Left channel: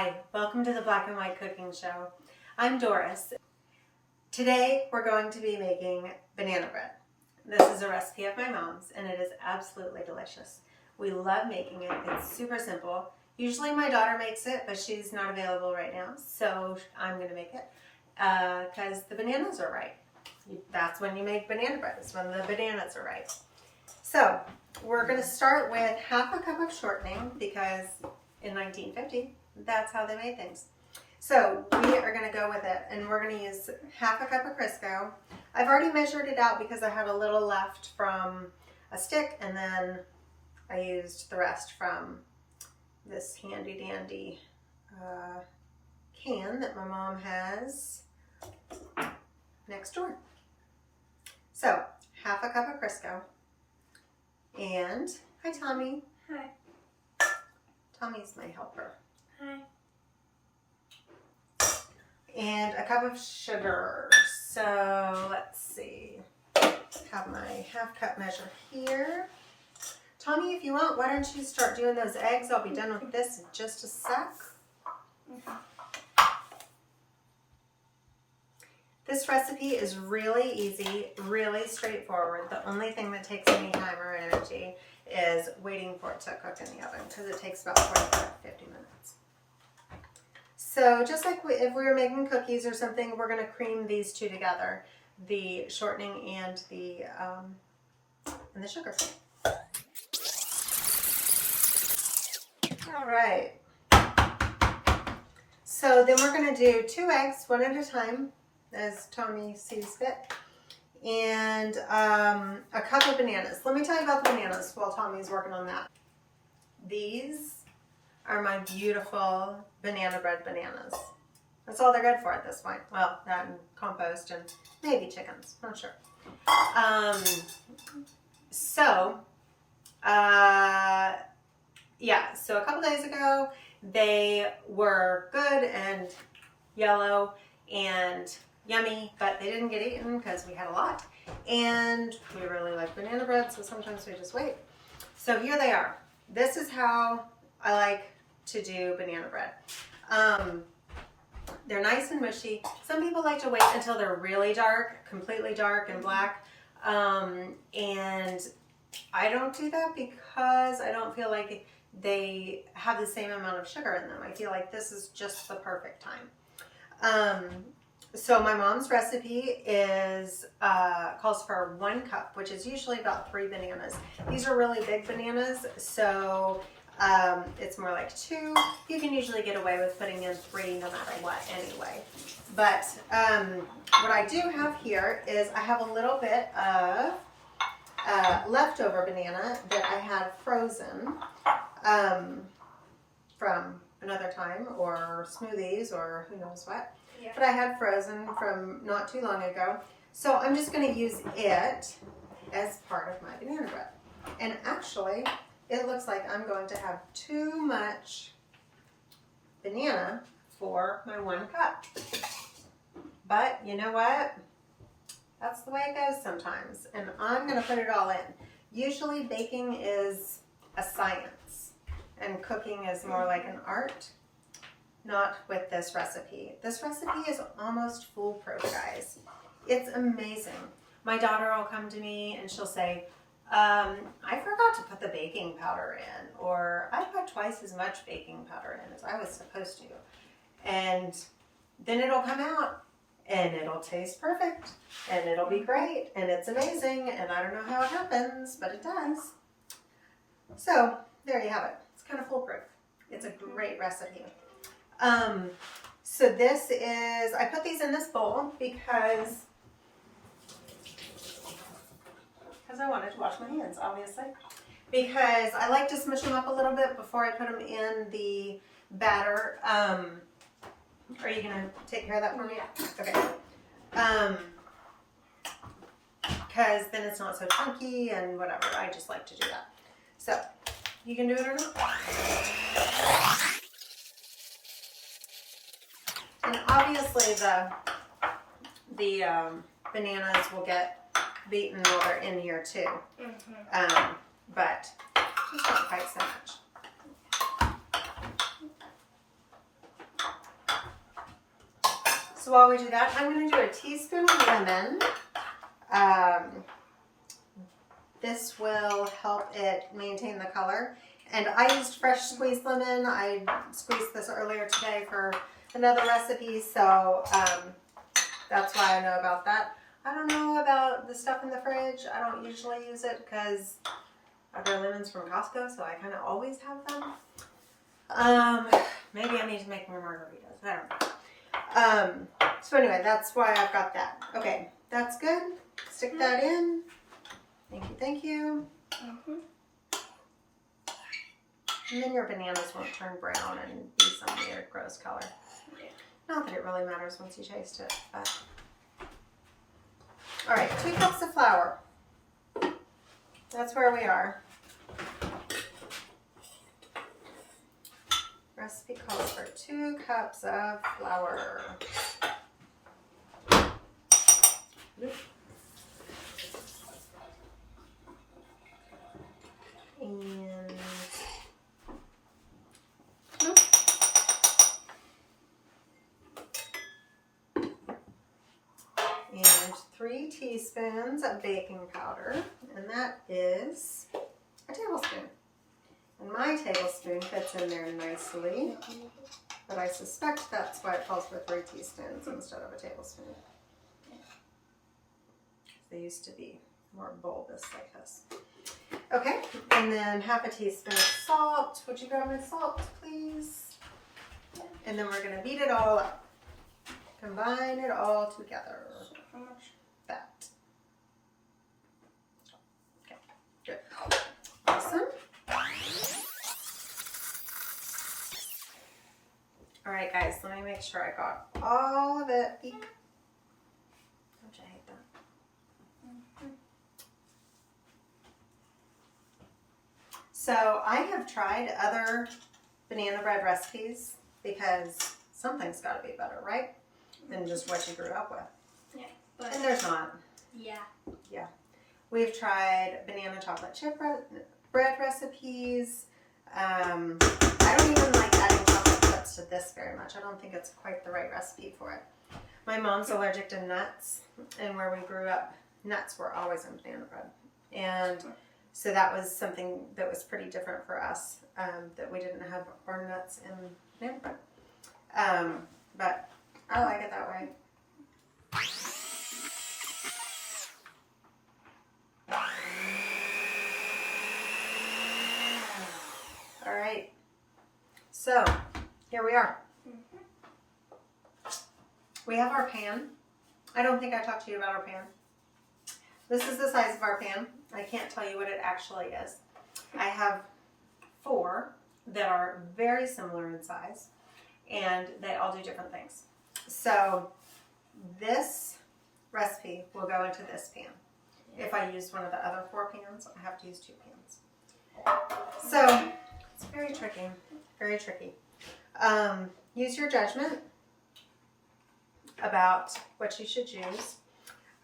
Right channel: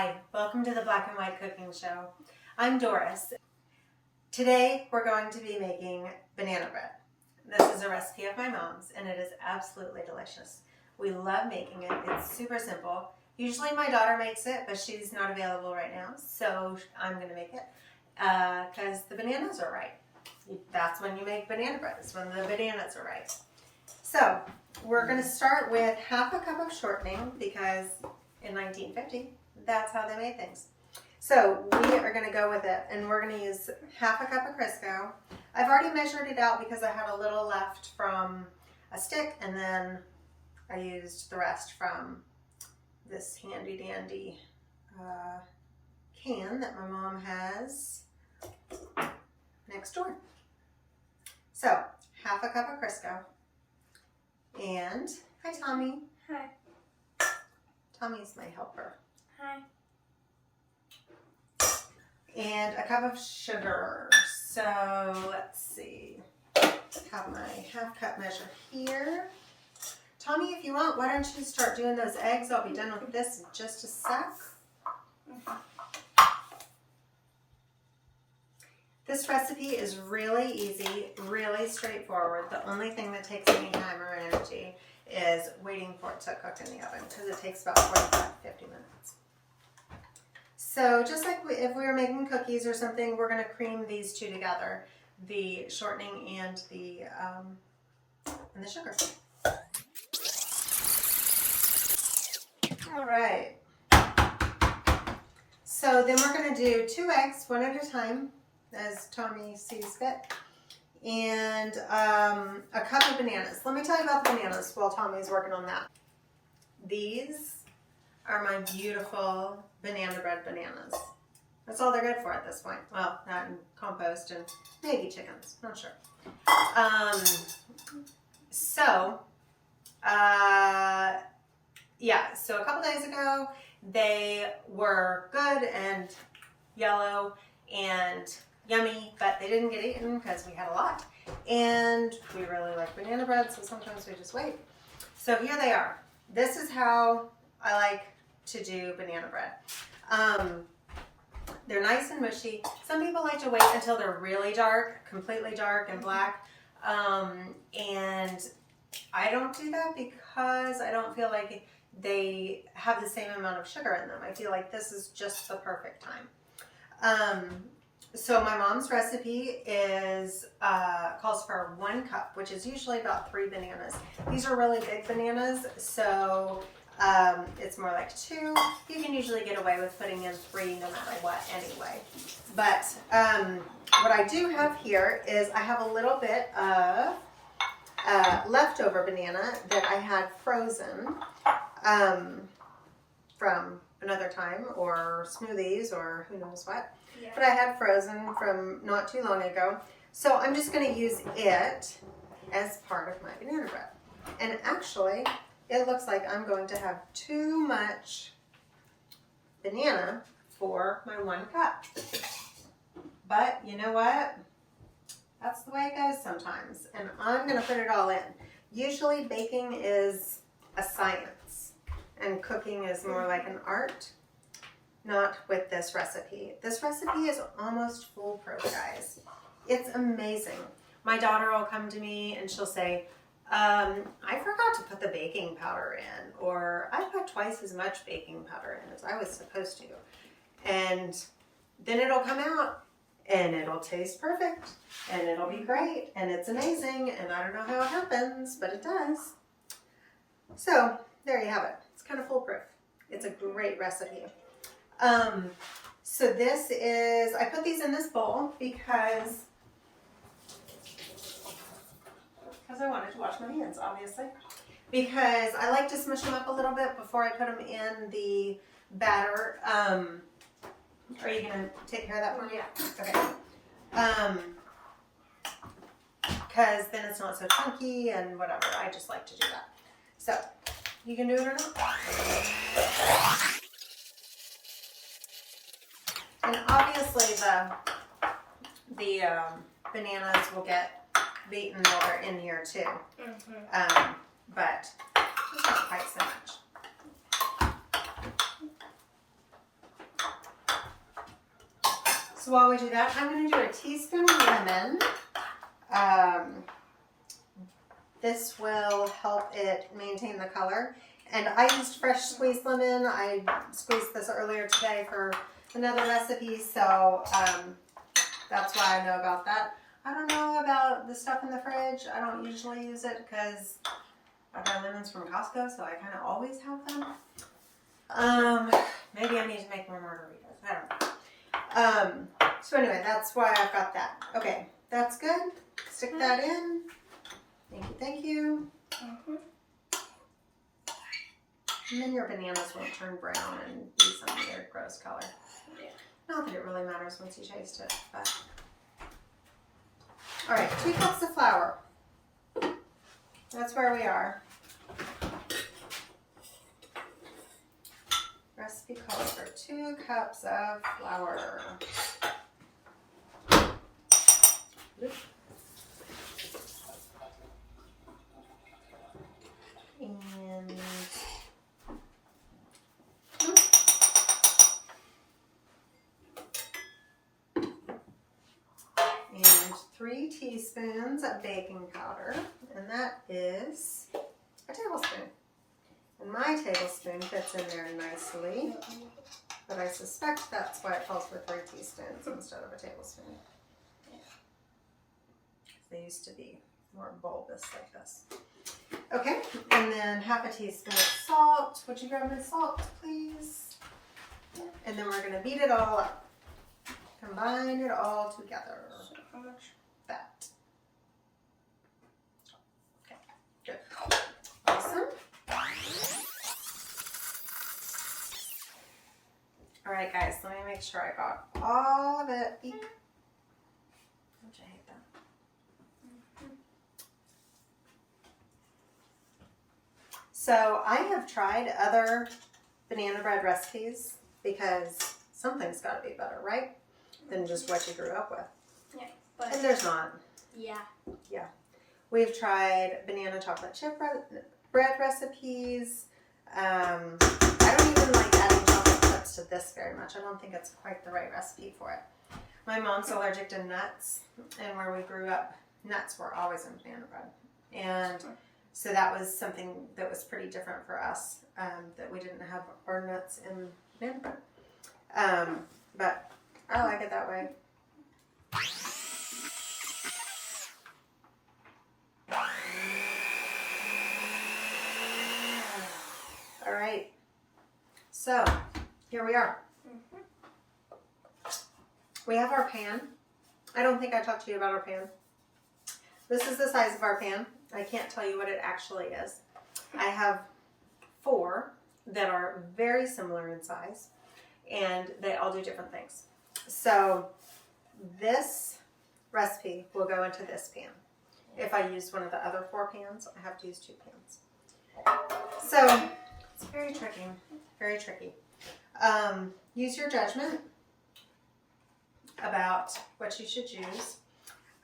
Hi, welcome to the Black and White Cooking Show. I'm Doris. Today we're going to be making banana bread. This is a recipe of my mom's and it is absolutely delicious. We love making it. It's super simple. Usually my daughter makes it, but she's not available right now, so I'm going to make it because the bananas are right. That's when you make banana bread, is when the bananas are right. So we're going to start with half a cup of shortening because in 1950, that's how they made things. So we are going to go with it, and we're going to use half a cup of Crisco. I've already measured it out because I had a little left from a stick, and then I used the rest from this handy dandy can that my mom has next door. So half a cup of Crisco, and hi Tommy. Hi. Tommy's my helper. Hi. And a cup of sugar. So let's see. Have my half cup measure here. Tommy, if you want, why don't you start doing those eggs? I'll be done with this in just a sec. This recipe is really easy, really straightforward. The only thing that takes any time or energy is waiting for it to cook in the oven because it takes about 45 to 50 minutes. So just like if we were making cookies or something, we're going to cream these two together, the shortening and the sugar. All right. So then we're going to do 2 eggs, one at a time, as Tommy sees fit, and a cup of bananas. Let me tell you about the bananas while Tommy's working on that. These are my beautiful banana bread bananas. That's all they're good for at this point. Well, that and compost and maybe chickens, not sure. So a couple days ago, they were good and yellow and yummy, but they didn't get eaten because we had a lot. And we really like banana bread, so sometimes we just wait. So here they are. This is how I like to do banana bread. They're nice and mushy. Some people like to wait until they're really dark, completely dark and black. And I don't do that because I don't feel like they have the same amount of sugar in them. I feel like this is just the perfect time. So my mom's recipe is calls for 1 cup, which is usually about 3 bananas. These are really big bananas, so it's more like 2. You can usually get away with putting in 3 no matter what anyway. But what I do have here is I have a little bit of leftover banana that I had frozen from another time, or smoothies, or who knows what. Yeah. But I had frozen from not too long ago. So I'm just going to use it as part of my banana bread. And actually, it looks like I'm going to have too much banana for my 1 cup. But you know what? That's the way it goes sometimes. And I'm going to put it all in. Usually baking is a science and cooking is more like an art. Not with this recipe. This recipe is almost foolproof, guys. It's amazing. My daughter will come to me and she'll say, I forgot to put the baking powder in, or I put twice as much baking powder in as I was supposed to. And then it'll come out and it'll taste perfect and it'll be great and it's amazing, and I don't know how it happens, but it does. So there you have it. It's kind of foolproof. It's a great recipe. So this is, I put these in this bowl because I wanted to wash my hands, obviously. Because I like to smush them up a little bit before I put them in the batter. Are you going to take care of that for me? Yeah. Okay. Because then it's not so chunky and whatever. I just like to do that. So, you can do it or not. And obviously the bananas will get beaten while they're in here too. But not quite so much. So while we do that, I'm going to do a teaspoon of lemon. This will help it maintain the color. And I used fresh squeezed lemon. I squeezed this earlier today for another recipe, so that's why I know about that. I don't know about the stuff in the fridge. I don't usually use it because I got lemons from Costco, so I kind of always have them. Maybe I need to make more margaritas. I don't know. So anyway, that's why I've got that. Okay, that's good. Stick that in. Thank you, thank you. And then your bananas won't turn brown and be some weird gross color. Not that it really matters once you taste it, but. All right, 2 cups of flour. That's where we are. Recipe calls for 2 cups of flour. And 3 teaspoons of baking powder, and that is a tablespoon. And my tablespoon fits in there nicely, but I suspect that's why it calls for 3 teaspoons instead of a tablespoon. They used to be more bulbous like this. Okay, and then half a teaspoon of salt. Would you grab my salt, please? And then we're gonna beat it all up. Combine it all together. So how much? That. Okay, good. Awesome. All right, guys, let me make sure I got all of it. Eek. Don't you hate that? So I have tried other banana bread recipes because something's got to be better, right? Than just what you grew up with. Yeah, but And there's not. Yeah. Yeah. We've tried banana chocolate chip bread recipes. I don't even like adding chocolate chips to this very much. I don't think it's quite the right recipe for it. My mom's allergic to nuts, and where we grew up, nuts were always in banana bread. And so that was something that was pretty different for us, that we didn't have our nuts in banana bread. But I like it that way. All right. So here we are. We have our pan. I don't think I talked to you about our pan. This is the size of our pan. I can't tell you what it actually is. I have 4 that are very similar in size, and they all do different things. So this recipe will go into this pan. If I use one of the other 4 pans, I have to use 2 pans. So it's very tricky, very tricky. Use your judgment about what you should use.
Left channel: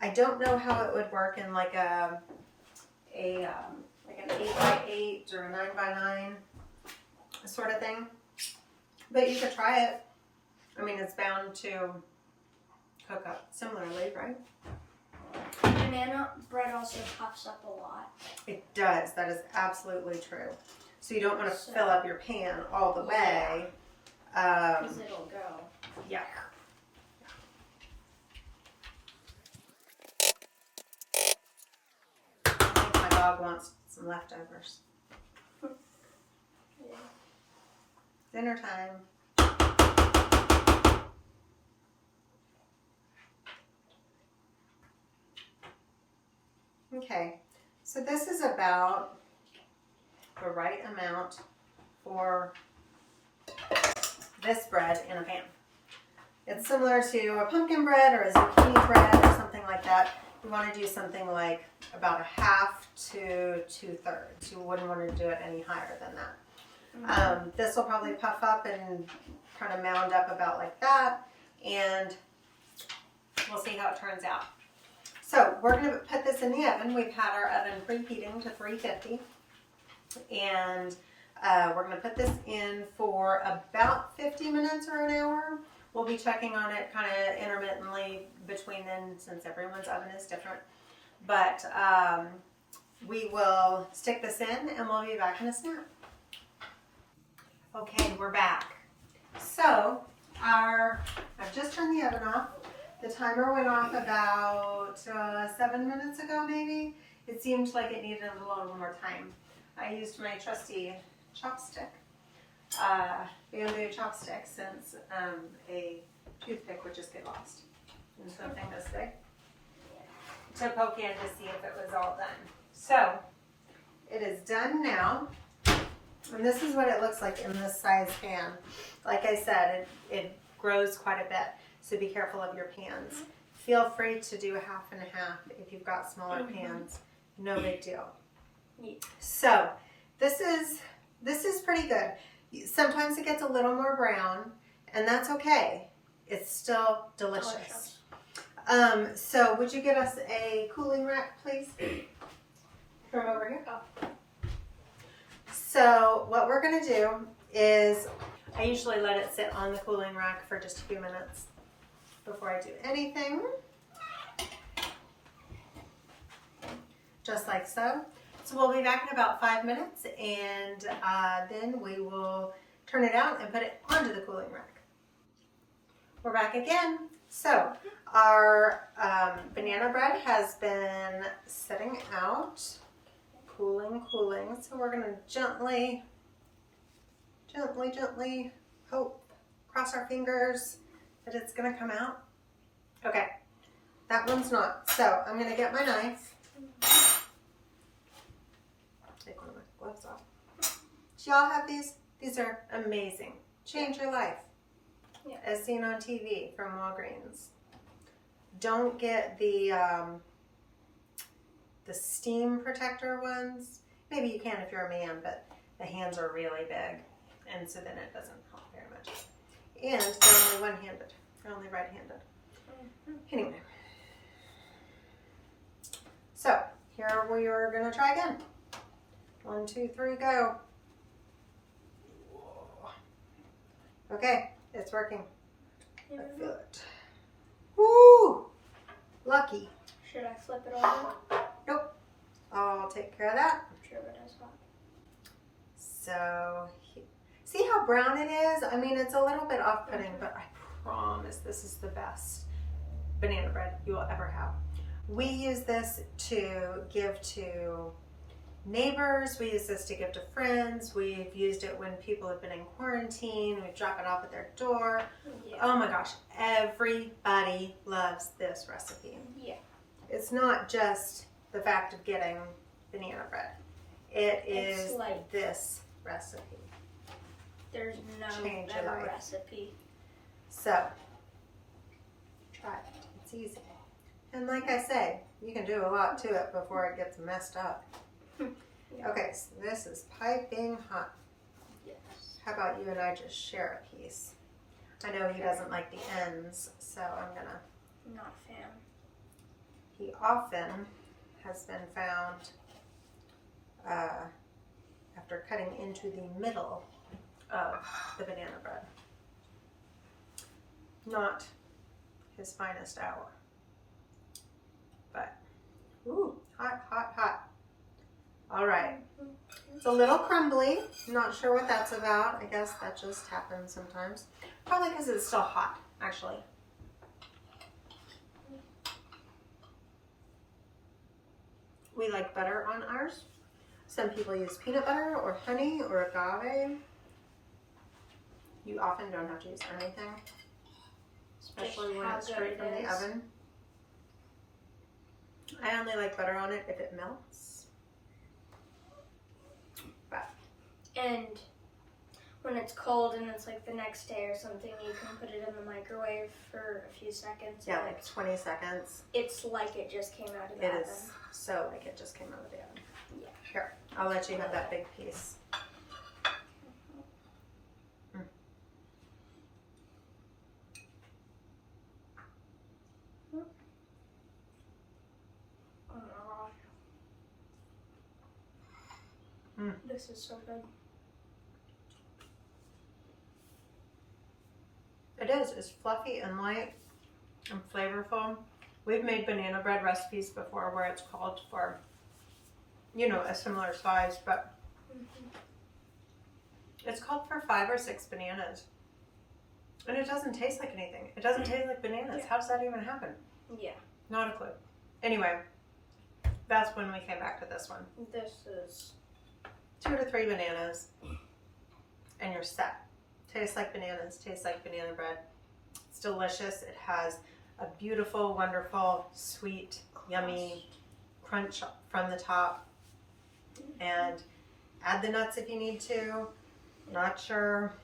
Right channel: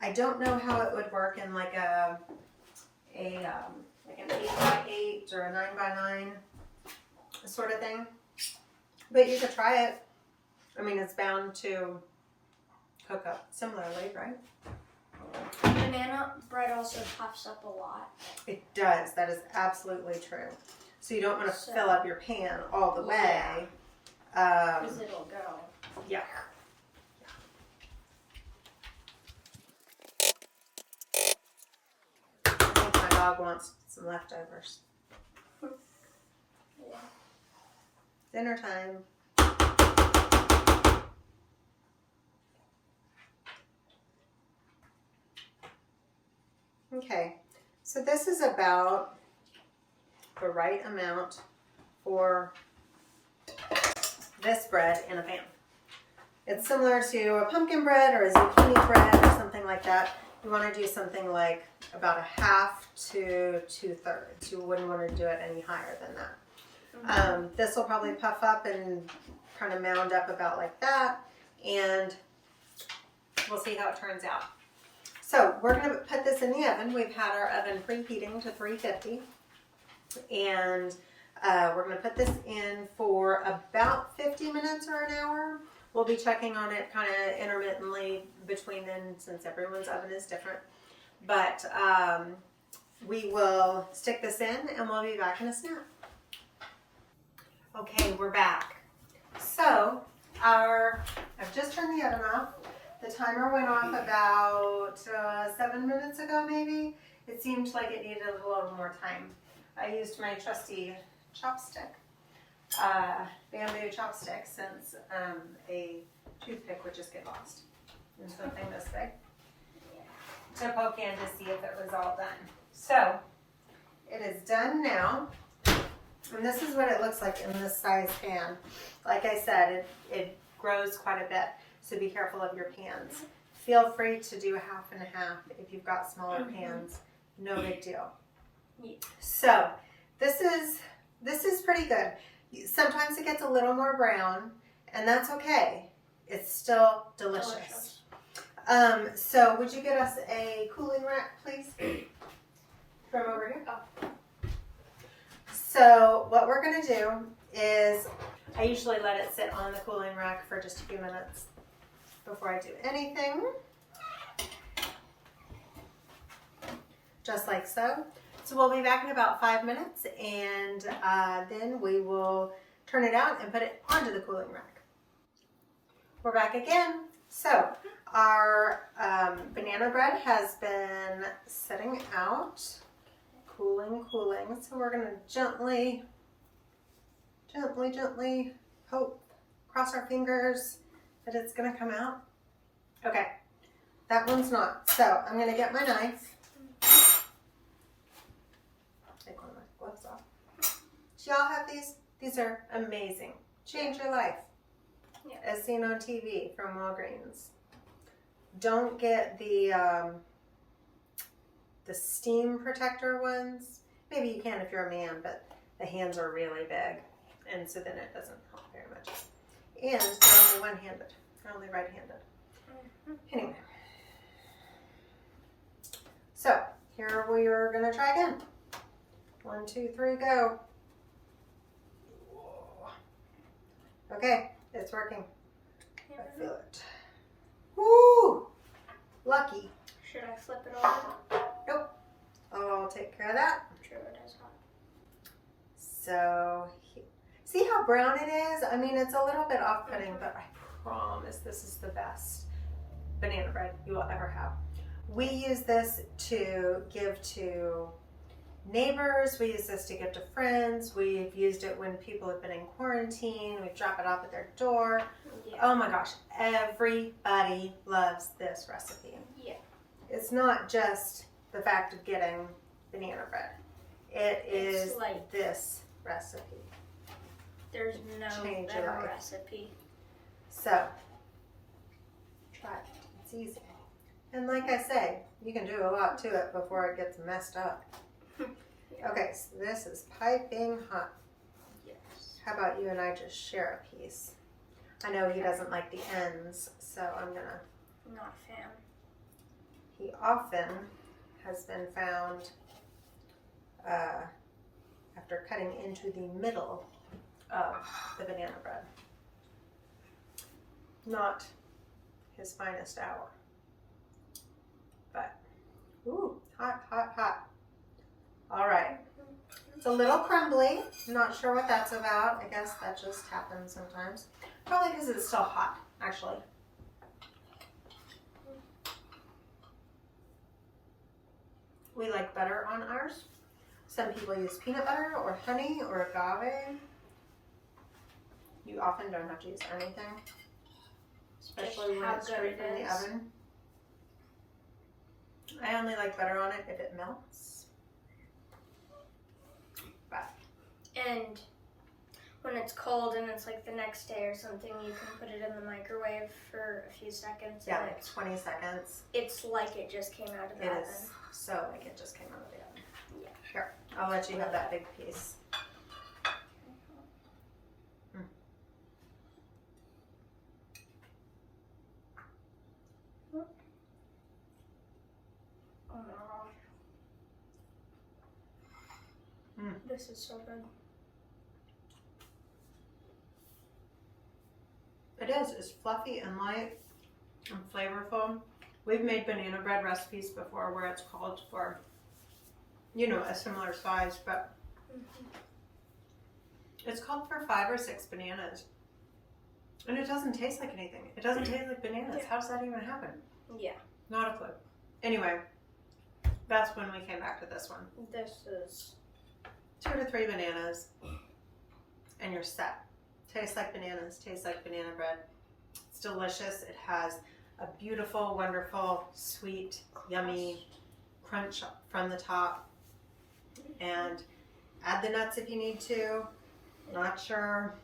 I don't know how it would work in like an 8x8 or a 9x9 sort of thing, but you could try it. I mean, it's bound to cook up similarly, right? Banana bread also puffs up a lot. It does. That is absolutely true. So you don't want to fill up your pan all the way. Because it'll go. Yeah. I think my dog wants some leftovers. Yeah. Dinner time. Okay, so this is about the right amount for this bread in a pan. It's similar to a pumpkin bread or a zucchini bread or something like that. You want to do something like about 1/2 to 2/3. You wouldn't want to do it any higher than that. This will probably puff up and kind of mound up about like that, and we'll see how it turns out. So we're going to put this in the oven. We've had our oven preheating to 350, and we're going to put this in for about 50 minutes or an hour. We'll be checking on it kind of intermittently between then, since everyone's oven is different. But we will stick this in and we'll be back in a snap. Okay, we're back. So I've just turned the oven off. The timer went off about 7 minutes ago, maybe. It seemed like it needed a little more time. I used my trusty chopstick, bamboo chopstick, since a toothpick would just get lost in something this big, to poke in to see if it was all done. So it is done now, and this is what it looks like in this size pan. Like I said, it grows quite a bit, so be careful of your pans. Feel free to do 1/2 and 1/2 if you've got smaller pans. No big deal. So this is pretty good. Sometimes it gets a little more brown, and that's okay. It's still delicious. So would you get us a cooling rack, please? From over here. Oh. So what we're gonna do is, I usually let it sit on the cooling rack for just a few minutes before I do anything. Just like so. So we'll be back in about 5 minutes, and then we will turn it out and put it onto the cooling rack. We're back again. So our banana bread has been setting out, cooling. So we're gonna gently hope, cross our fingers that it's gonna come out. Okay, that one's not. So I'm gonna get my knife. Take one of my gloves off. Do y'all have these? These are amazing. Change your life. Yeah. As seen on TV from Walgreens. Don't get the steam protector ones. Maybe you can if you're a man, but the hands are really big, and so then it doesn't help very much. And they're only one-handed. They're only right-handed. Anyway. So here we are gonna try again. 1, 2, 3, go. Okay, it's working. I feel it. Woo! Lucky. Should I flip it over? Nope. I'll take care of that. I'm sure it is hot. So, see how brown it is? I mean, it's a little bit off-putting, but I promise this is the best banana bread you will ever have. We use this to give to neighbors. We use this to give to friends. We've used it when people have been in quarantine. We drop it off at their door. Yeah. Oh my gosh, everybody loves this recipe. Yeah. It's not just the fact of getting banana bread. It's like this recipe. There's no Change your better life. recipe. So, try it. It's easy. And like I say, you can do a lot to it before it gets messed up. Yeah. Okay, so this is piping hot. Yes. How about you and I just share a piece? I know he doesn't like the ends, so I'm gonna. Not a fan. He often has been found after cutting into the middle of the banana bread. Not his finest hour. But, ooh, hot, hot, hot. All right. It's a little crumbly. I'm not sure what that's about. I guess that just happens sometimes. Probably because it's still hot, actually. We like butter on ours. Some people use peanut butter or honey or agave. You often don't have to use anything, especially when it's straight from the oven. I only like butter on it if it melts. But. And when it's cold and it's like the next day or something, you can put it in the microwave for a few seconds. Yeah, like 20 seconds. It's like it just came out of the oven. It is so like it just came out of the oven. Yeah. Here, I'll let you have that big piece. Oh my gosh. This is so good. It is. It's fluffy and light and flavorful. We've made banana bread recipes before where it's called for, you know, a similar size, but it's called for 5 or 6 bananas. And it doesn't taste like anything. It doesn't taste like bananas. Yeah. How does that even happen? Yeah. Not a clue. Anyway, that's when we came back to this one. This is 2 to 3 bananas and you're set. Tastes like bananas, tastes like banana bread. It's delicious. It has a beautiful, wonderful, sweet, yummy crunch from the top. And add the nuts if you need to. Not sure.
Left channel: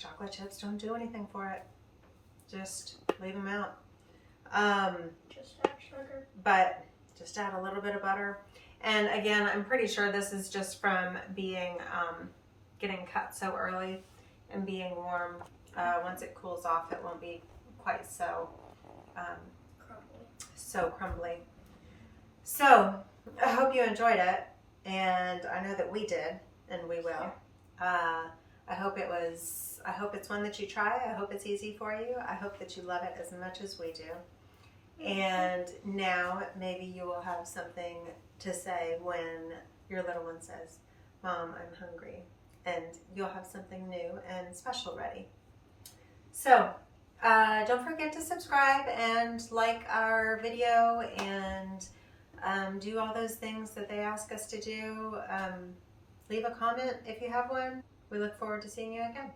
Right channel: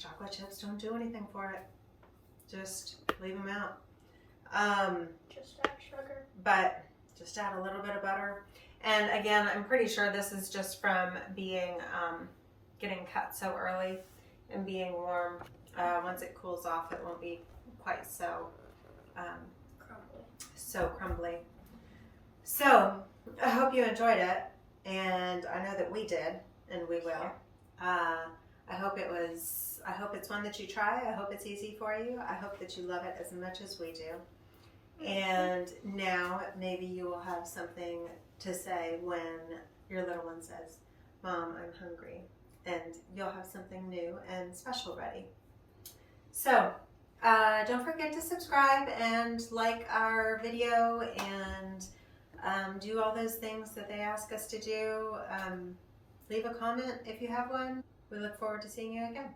Chocolate chips don't do anything for it. Just leave them out. just add sugar. But just add a little bit of butter. And again, I'm pretty sure this is just from being getting cut so early and being warm. Once it cools off, it won't be quite so crumbly. So I hope you enjoyed it, and I know that we did, and we will. I hope it's one that you try. I hope it's easy for you. I hope that you love it as much as we do. And now maybe you will have something to say when your little one says, "Mom, I'm hungry," and you'll have something new and special ready. So don't forget to subscribe and like our video and do all those things that they ask us to do. Leave a comment if you have one. We look forward to seeing you again.